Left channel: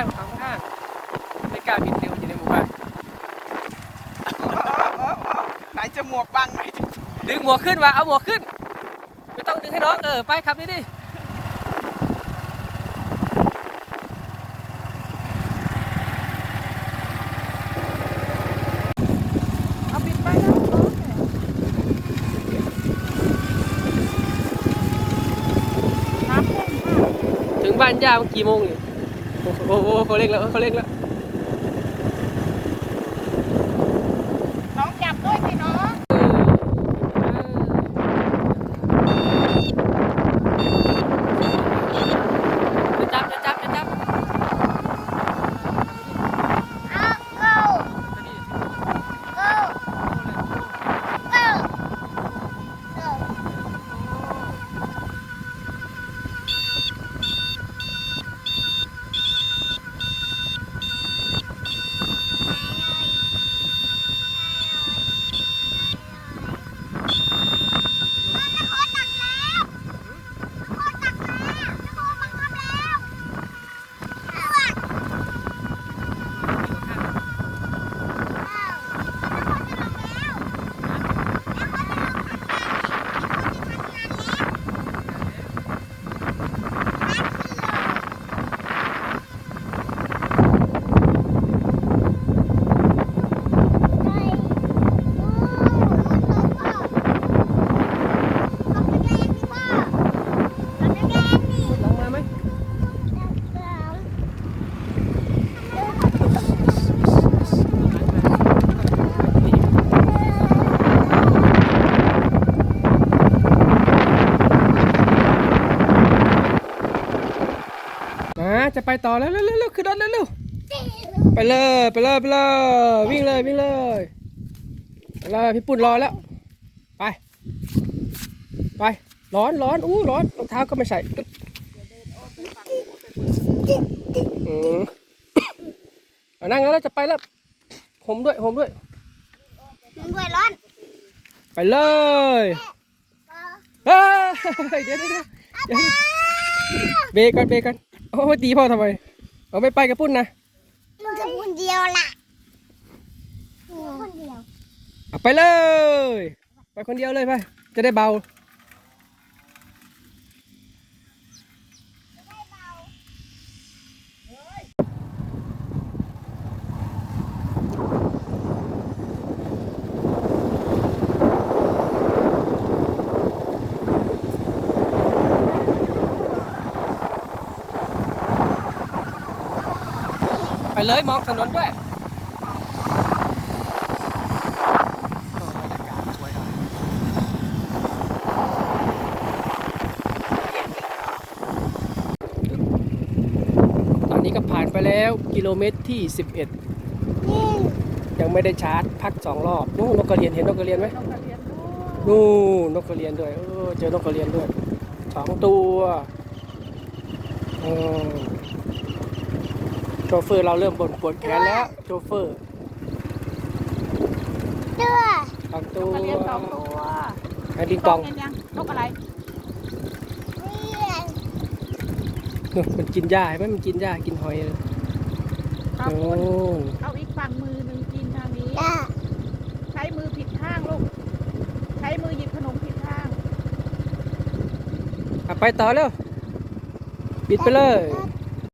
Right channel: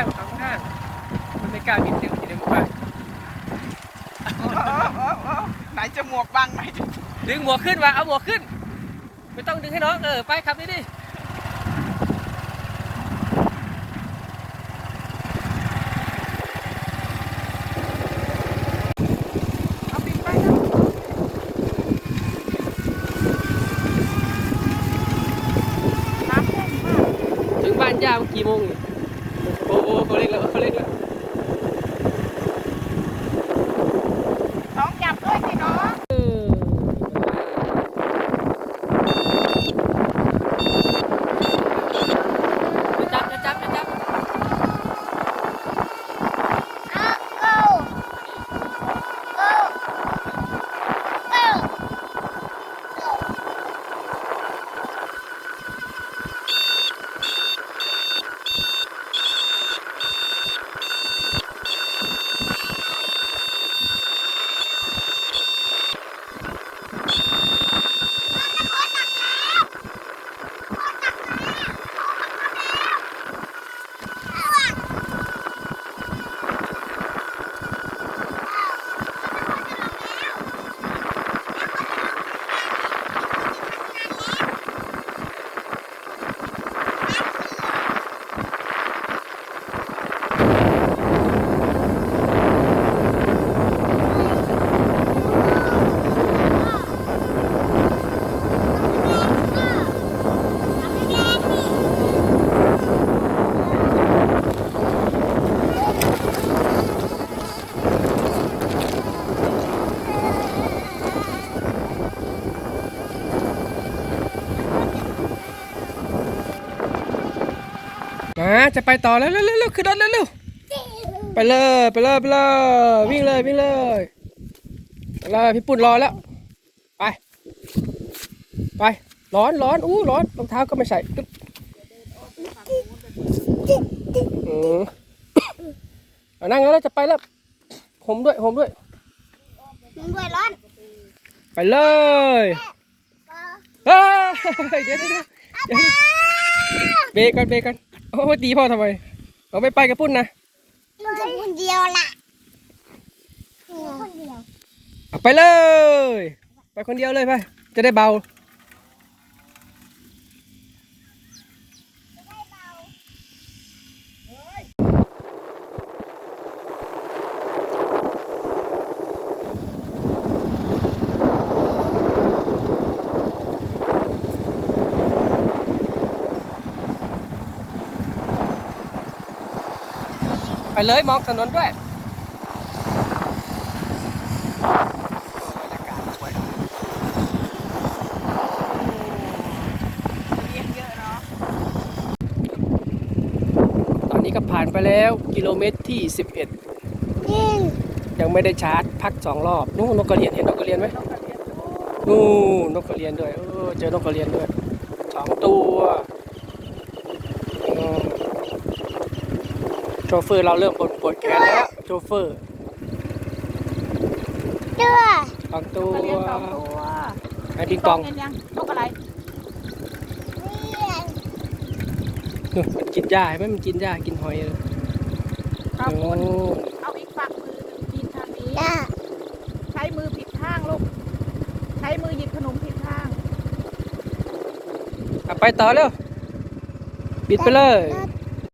เออทำข้างๆทำข้างๆไม่กล้าบินเร็วอยู่ในหมู่บ้านไหนจะหมวกบังไหนจะดึงหมวกขึ้นมาเอาหมวกขึ้น ไม่ต้องดึงให้น้องเออไปครับนี่ดิถึงบ้านย่าเมื่อกี่โมงอยู่ โอ้โหเขาเร่งแล้วเขาเร่งแล้ว น้องจับด้วยสิน้อง จับจับจับจับ เอาเก้าเก้าเก้าเก้า มา จะไปต่อแล้วเร็วเร็วเร็วขึ้นรถเร็วเร็วไปเลยไปเลยไปเลยวิ่งเลยวิ่งเลยไปเลยพี่ปุ่นรอแล้วไป ไปร้อนร้อนอู้ร้อนรองเท้าก็ไม่ใส่ตึ๊บอืมเอานั่งแล้วจะไปแล้วผมด้วยผมด้วยมันด้วยร้อน ไปเลยเฮ้ยเดี๋ยวเดี๋ยวเดี๋ยวเดี๋ยวเบรกกันเบรกกัน โอ้ยตีพ่อทำไมเอาไม่ไปกับปุ้นนะมันจะคนเดียวล่ะคนเดียวเอาไปเลย ไปคนเดียวเลยไป จะได้เบา ไปเลยมองถนนด้วยตอนนี้ก็ผ่านไปแล้วกิโลเมตรที่ 11 ยังไม่ได้ชาร์จพักสองรอบนู่นนกกระเรียนเห็นนกกระเรียนไหมนู่นนกกระเรียนด้วยเออเจอนกกระเรียนด้วยสองตัวอืม ชเฟอร์เราเริ่มปวดปวดแขนแล้วโชเฟอร์เด้อสองตัวเรียนสองตัวแล้วดิงกองเรียนยังนกอะไรนี่นู่นมันกินหญ้าเห็นไหมมันกินหญ้ากินหอยเลยเอาโอ้เอาอีกฝั่งมือหนึ่งกินทางนี้เด้อใช้มือผิดข้างลูก ใช้มือหยิบขนมผิดข้างเอาไปต่อเร็วปิดไปเลยเด้อ